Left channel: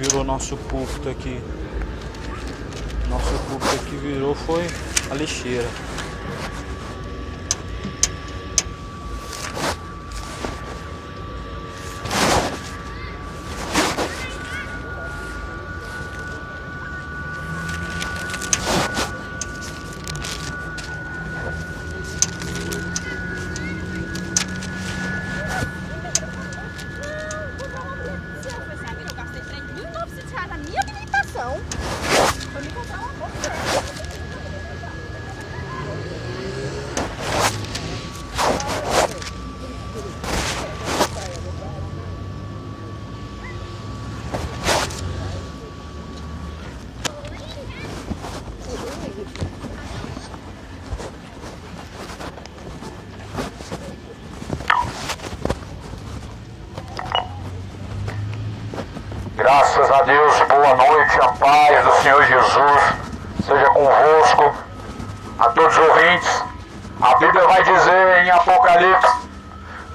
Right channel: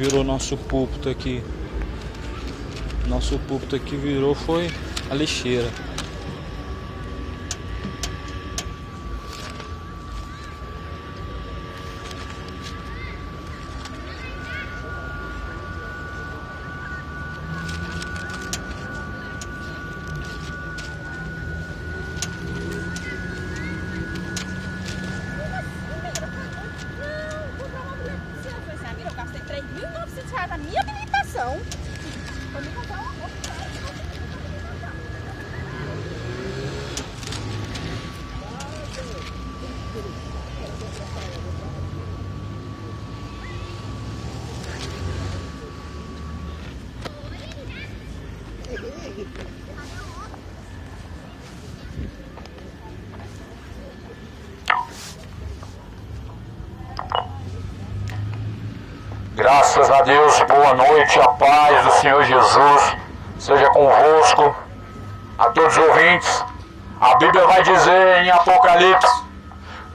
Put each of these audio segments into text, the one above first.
virou nosso púlpito aqui. Nosso púlpito aqui virou, foi a lixeira. Na minha habilitação. Eu me comprar uma roupa. Graças a Deus, boa noite, a paz do Senhor Jesus seja convosco, a todos os ouvintes. A Bíblia vai dizer em Apocalipse,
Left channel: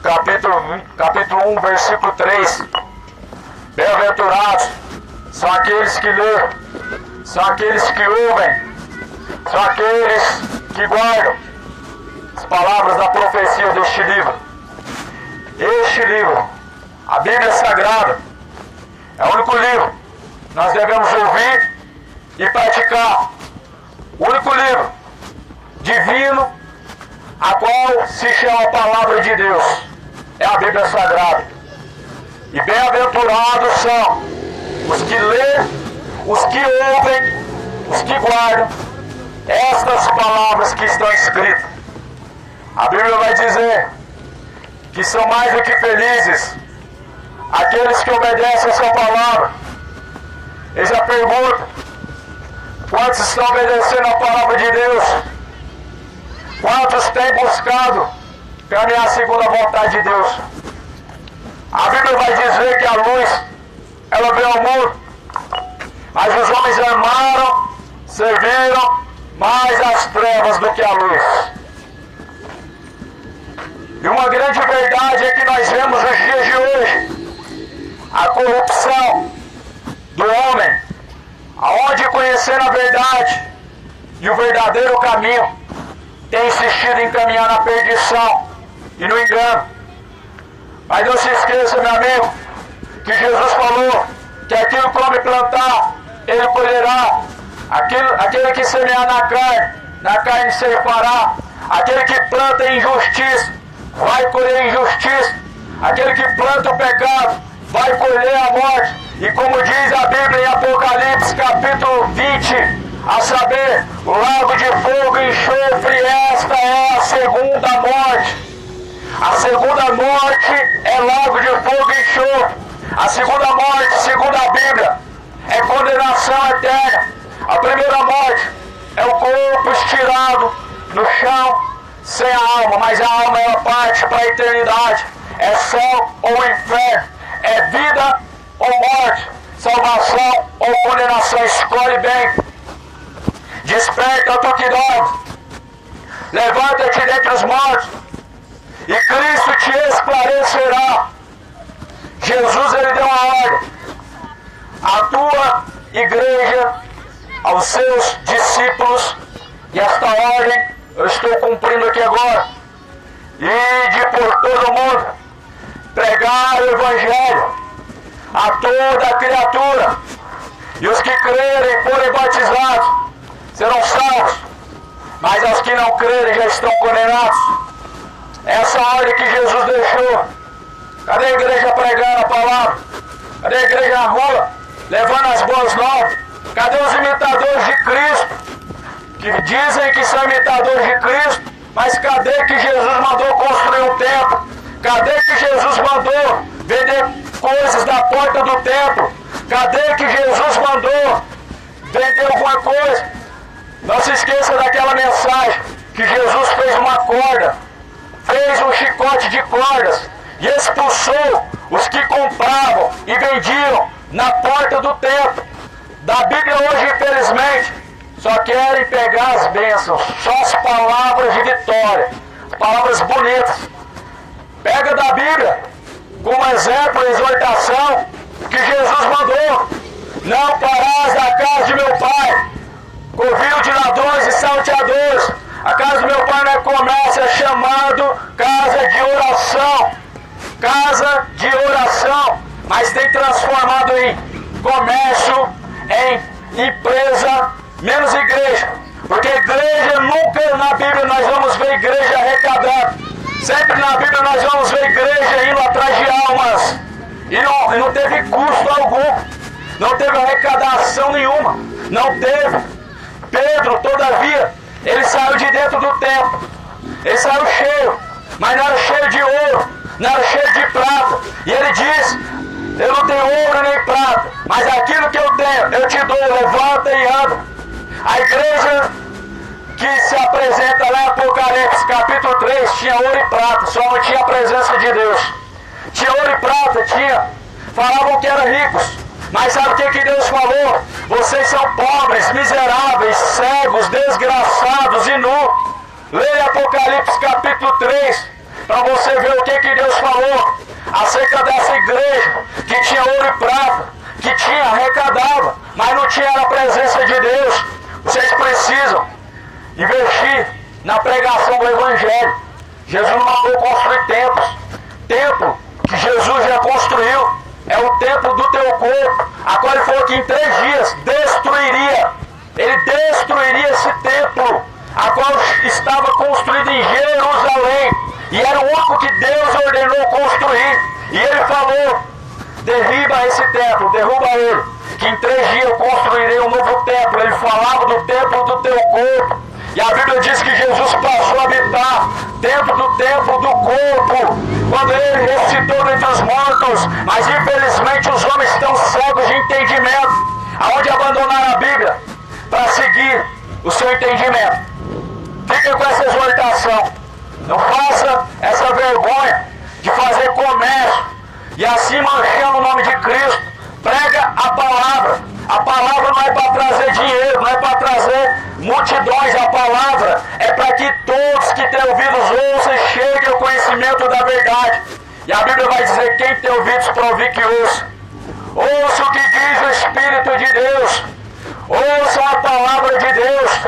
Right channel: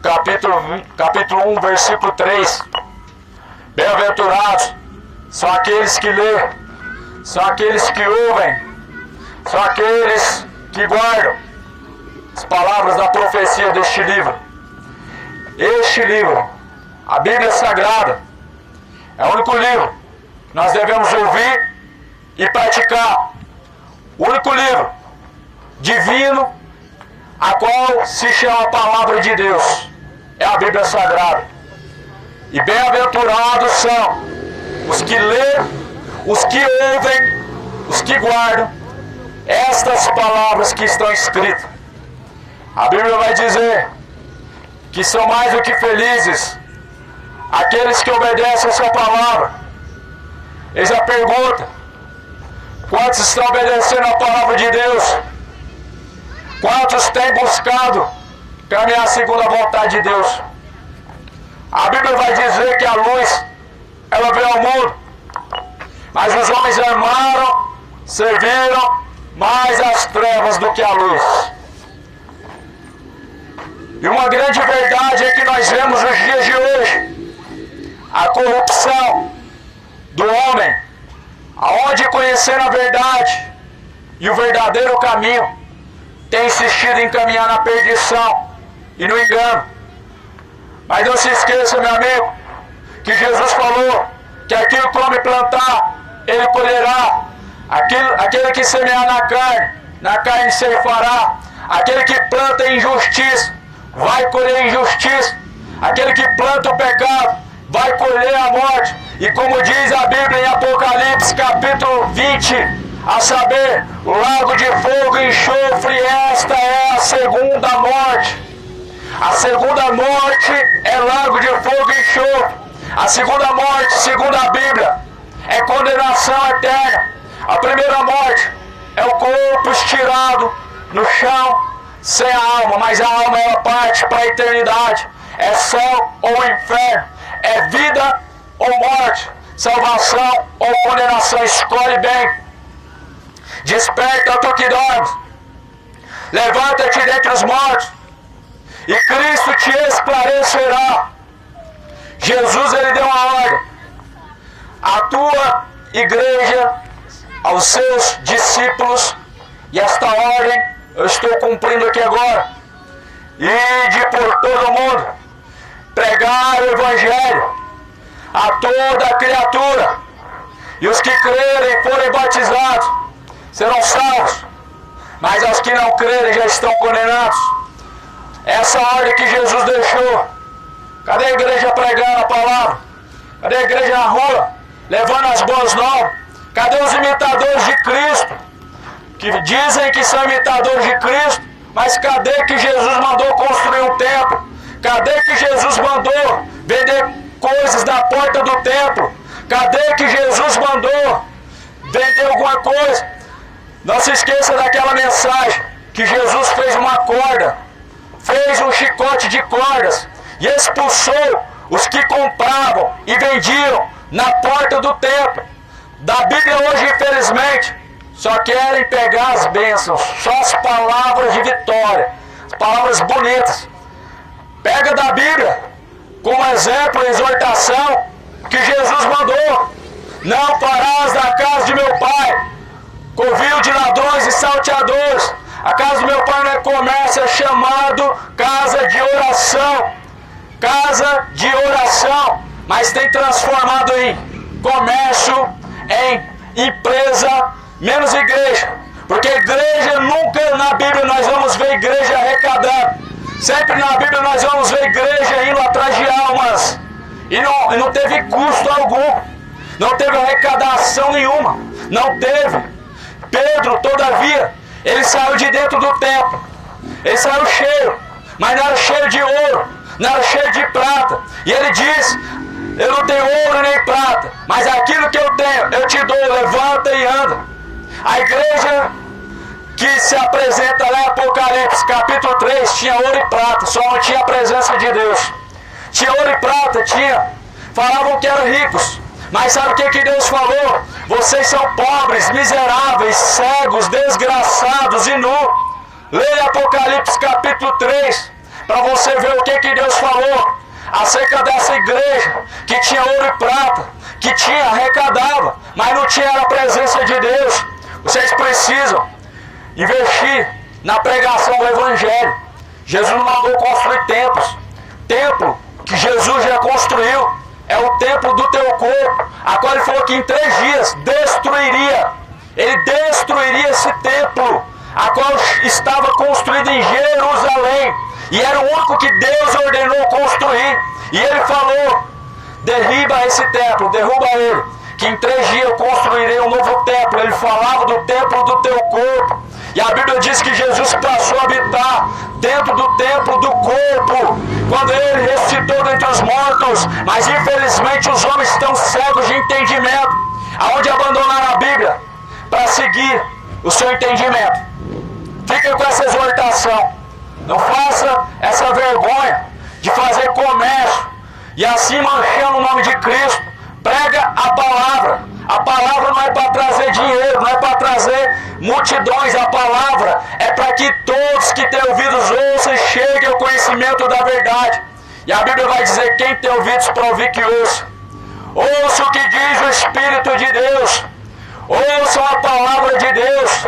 capítulo 1, versículo 3: bem-aventurados são aqueles que lêem, são aqueles que ouvem, são aqueles que guardam as palavras da profecia deste livro. Este livro, a Bíblia Sagrada, é o único livro que nós devemos ouvir e praticar. O único livro divino a qual se chama a palavra de Deus é a Bíblia Sagrada. E bem-aventurados são os que lêem, os que ouvem, os que guardam estas palavras que estão escritas. A Bíblia vai dizer que são mais do que felizes aqueles que obedecem a sua palavra. Eles já perguntam: quantos estão obedecendo a palavra de Deus? Quantos têm buscado caminhar segundo a vontade de Deus? A Bíblia vai dizer que a luz, ela veio ao mundo, mas os homens amaram, serviram mais as trevas do que a luz. E uma grande verdade é que nós vemos nos dias de hoje a corrupção do homem, aonde conhecendo a verdade e o verdadeiro caminho, tem insistido em caminhar na perdição e no engano. Mas não se esqueça, meu amigo, que Jesus falou que aquilo que o homem plantar, ele colherá. Aquele que semear na carne ceifará. Aquele que planta injustiça, vai colher injustiça. Aquele que planta o pecado, vai colher a morte. E como diz a Bíblia em Apocalipse capítulo 20, a saber, lago de fogo e enxofre, esta é a segunda morte. A segunda morte é lago de fogo e enxofre. A segunda morte, segundo a Bíblia, é condenação eterna. A primeira morte é o corpo estirado no chão, sem a alma, mas a alma ela parte para a eternidade. É céu ou inferno, é vida ou morte, salvação ou condenação. Escolhe bem. Desperta, tu que dormes, levanta-te dentre os mortos, e Cristo te esclarecerá. Jesus, ele deu uma ordem à tua igreja, aos seus discípulos, e esta ordem eu estou cumprindo aqui agora: ide por todo mundo, pregar o Evangelho a toda criatura, e os que crerem e forem batizados serão salvos, mas aos que não crerem já estão condenados. Essa ordem que Jesus deixou. Cadê a igreja pregando a palavra? Cadê a igreja na rua, levando as boas novas? Cadê os imitadores de Cristo, que dizem que são imitadores de Cristo, mas cadê que Jesus mandou construir um templo? Cadê que Jesus mandou vender coisas da porta do templo? Cadê que Jesus mandou vender alguma coisa? Não se esqueça daquela mensagem que Jesus fez uma corda, fez um chicote de cordas e expulsou os que compravam e vendiam na porta do templo. Da Bíblia hoje, infelizmente, só querem pegar as bênçãos, só as palavras de vitória, as palavras bonitas. Pega da Bíblia como exemplo, exortação que Jesus mandou. Não parás na casa de meu pai, covil de ladrões e salteadores. A casa do meu pai não é comércio, é chamado casa de oração. Casa de oração. Mas tem transformado em comércio, em empresa, menos igreja. Porque igreja nunca na Bíblia nós vamos ver igreja arrecadando. Sempre na Bíblia nós vamos ver igreja indo atrás de almas. E não teve custo algum. Não teve arrecadação nenhuma. Não teve. Pedro, todavia, ele saiu de dentro do templo. Ele saiu cheio. Mas não era cheio de ouro. Não era cheio de prata. E ele disse: eu não tenho ouro nem prata, mas aquilo que eu tenho, eu te dou, levanta e anda. A igreja que se apresenta lá em Apocalipse, capítulo 3, tinha ouro e prata, só não tinha a presença de Deus. Tinha ouro e prata, tinha. Falavam que eram ricos, mas sabe o que Deus falou? Vocês são pobres, miseráveis, cegos, desgraçados e nus. Leia Apocalipse capítulo 3, para você ver o que Deus falou acerca dessa igreja que tinha ouro e prata, que tinha, arrecadava, mas não tinha a presença de Deus. Vocês precisam investir na pregação do Evangelho. Jesus não mandou construir templos. Templo que Jesus já construiu é o templo do teu corpo, a qual ele falou que em 3 dias destruiria. Ele destruiria esse templo, a qual estava construído em Jerusalém. E era o único que Deus ordenou construir. E ele falou: derriba esse templo, derruba ele, que em 3 dias eu construirei um novo templo. Ele falava do templo do teu corpo. E a Bíblia diz que Jesus passou a habitar dentro do templo do corpo, quando ele ressuscitou dentre os mortos. Mas infelizmente os homens estão cegos de entendimento, aonde abandonaram a Bíblia para seguir o seu entendimento. Fiquem com essa exortação. Não faça essa vergonha de fazer comércio e assim manchando o nome de Cristo. Prega a palavra. A palavra não é para trazer dinheiro, não é para trazer multidões. A palavra é para que todos que têm ouvidos ouçam e cheguem ao conhecimento da verdade. E a Bíblia vai dizer: quem tem ouvidos para ouvir, que ouça. Ouça o que diz o Espírito de Deus. Ouçam a palavra de Deus.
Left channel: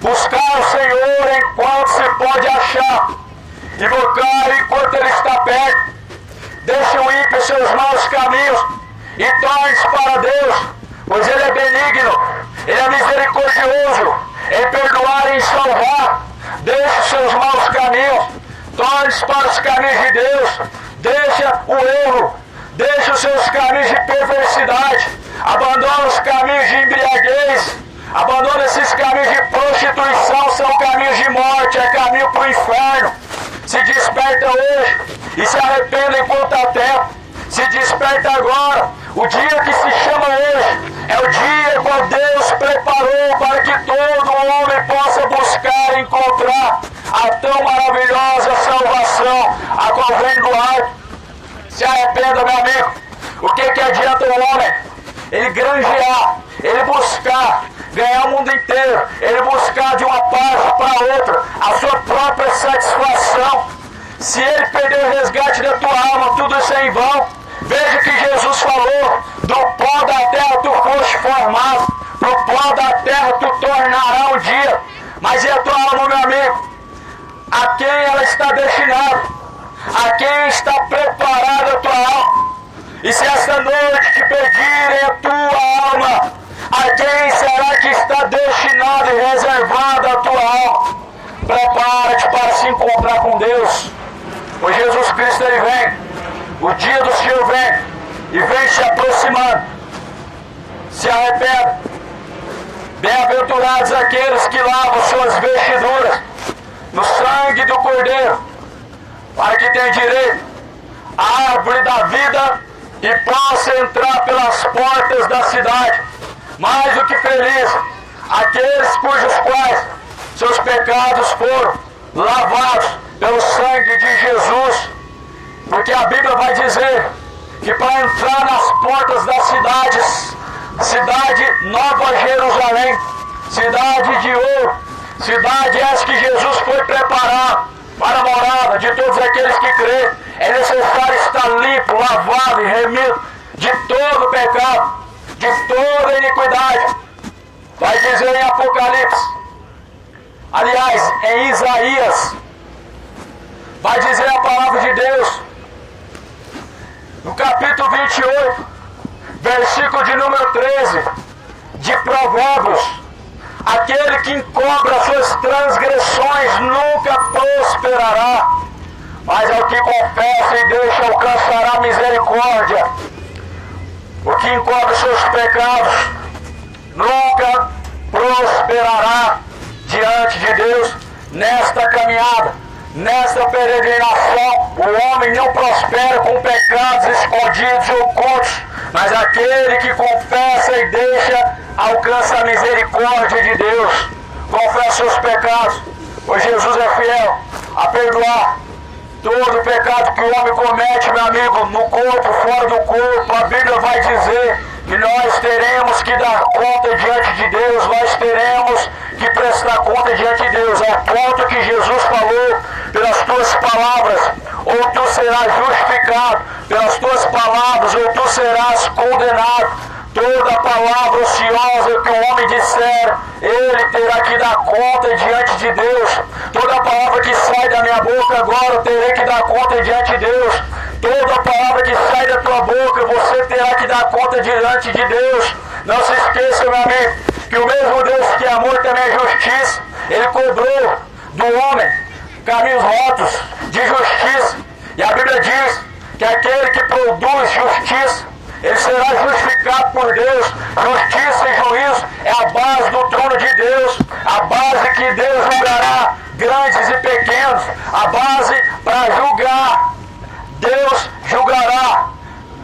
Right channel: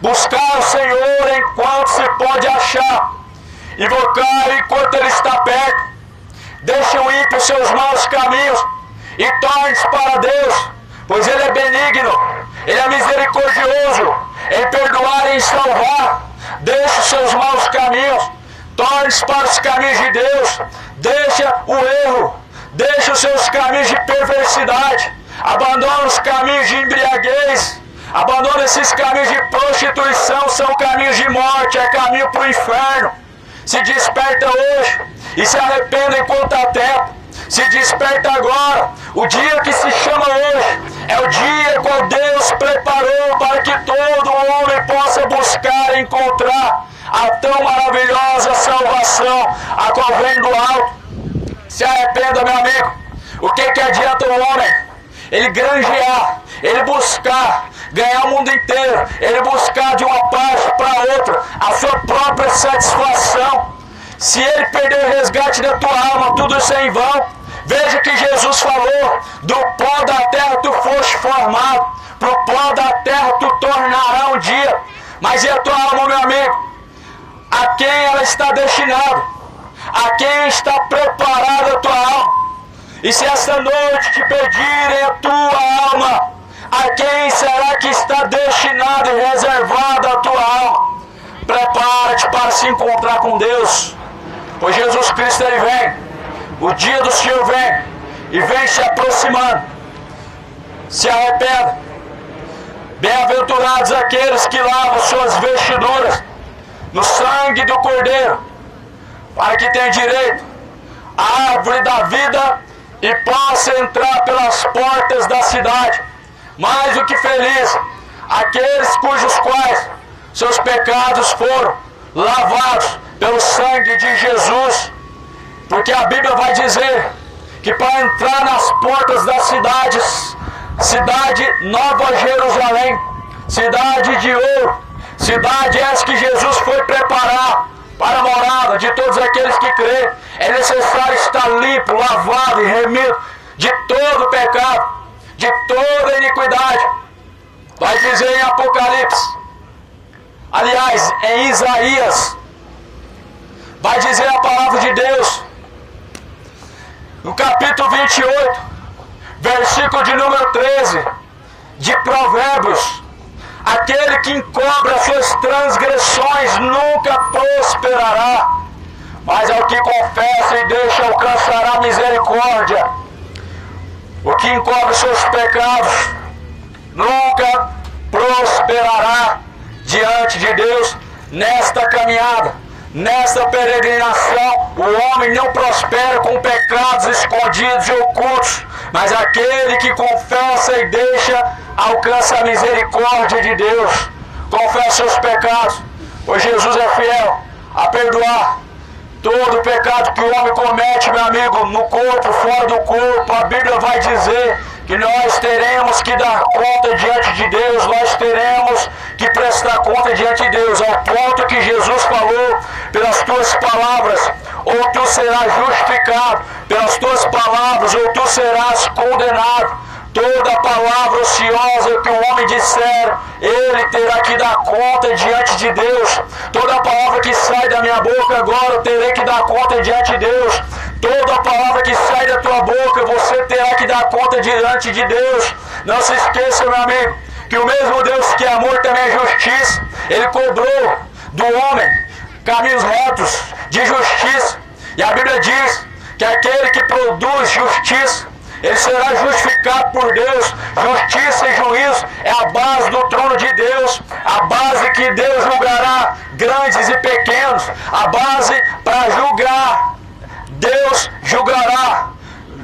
Buscar o Senhor enquanto se pode achar. Invocar enquanto Ele está perto. Deixe o ímpio os seus maus caminhos e torne-se para Deus, pois Ele é benigno, Ele é misericordioso em perdoar e em salvar. Deixe os seus maus caminhos, torne-se para os caminhos de Deus. Deixa o erro, deixa os seus caminhos de perversidade. Abandona os caminhos de embriaguez. Abandona esses caminhos de prostituição, são caminhos de morte, é caminho para o inferno. Se desperta hoje e se arrependa enquanto há tempo. Se desperta agora. O dia que se chama hoje é o dia qual Deus preparou para que todo homem possa buscar e encontrar a tão maravilhosa salvação, a qual vem do alto. Se arrependa, meu amigo. O que adianta o homem? Ele granjear, ele buscar ganhar o mundo inteiro, ele buscar de uma parte para outra a sua própria satisfação. Se ele perder o resgate da tua alma, tudo isso é em vão. Veja que Jesus falou: do pó da terra tu foste formado, pro pó da terra tu tornará um dia. Mas e a tua alma, meu amigo? A quem ela está destinada? A quem está preparada a tua alma? E se esta noite te pedirem a tua alma, a quem será que está destinada e reservada a tua alma? Prepara-te para se encontrar com Deus, pois Jesus Cristo ele vem, o dia do Senhor vem, e vem se aproximando. Se arrependa. Bem-aventurados aqueles que lavam suas vestiduras no sangue do Cordeiro, para que tenham direito à árvore da vida e possa entrar pelas portas da cidade. Mais do que feliz aqueles cujos quais seus pecados foram lavados pelo sangue de Jesus, porque a Bíblia vai dizer que para entrar nas portas das cidades, cidade Nova Jerusalém, cidade de ouro, cidade essa que Jesus foi preparar para a morada de todos aqueles que creem, é necessário estar limpo, lavado e remido de todo o pecado. de toda iniquidade. Vai dizer em Apocalipse, aliás, em Isaías, vai dizer a palavra de Deus, no capítulo 28, versículo de número 13, de Provérbios: aquele que encobre as suas transgressões nunca prosperará, mas ao que confessa e deixa alcançará misericórdia. O que encobre seus pecados nunca prosperará diante de Deus. Nesta caminhada, nesta peregrinação, o homem não prospera com pecados escondidos e ocultos, mas aquele que confessa e deixa alcança a misericórdia de Deus. Confessa seus pecados, pois Jesus é fiel a perdoar todo o pecado que o homem comete, meu amigo, no corpo, fora do corpo. A Bíblia vai dizer que nós teremos que dar conta diante de Deus, nós teremos que prestar conta diante de Deus, ao ponto que Jesus falou: pelas tuas palavras, ou tu serás justificado, pelas tuas palavras, ou tu serás condenado. Toda palavra ociosa que o homem disser, ele terá que dar conta diante de Deus. Toda palavra que sai da minha boca agora, eu terei que dar conta diante de Deus. Toda palavra que sai da tua boca, você terá que dar conta diante de Deus. Não se esqueça, meu amigo, que o mesmo Deus que é amor também é justiça. Ele cobrou do homem caminhos retos de justiça. E a Bíblia diz que aquele que produz justiça, ele será justificado por Deus. Justiça e juízo é a base do trono de Deus, a base que Deus julgará grandes e pequenos, a base para julgar. Deus julgará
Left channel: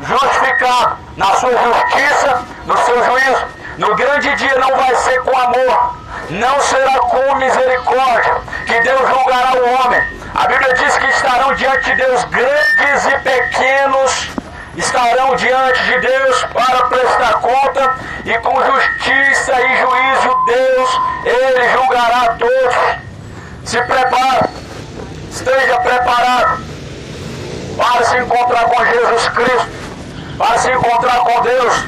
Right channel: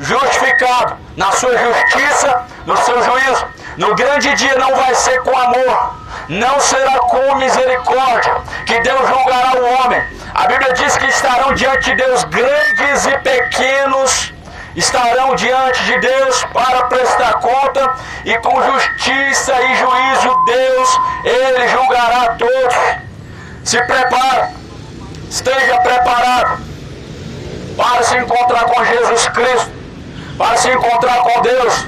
justificado na sua justiça, no seu juízo. No grande dia não vai ser com amor, não será com misericórdia que Deus julgará o homem. A Bíblia diz que estarão diante de Deus grandes e pequenos, estarão diante de Deus para prestar conta, e com justiça e juízo Deus, Ele julgará a todos. Se prepare, esteja preparado para se encontrar com Jesus Cristo, para se encontrar com Deus.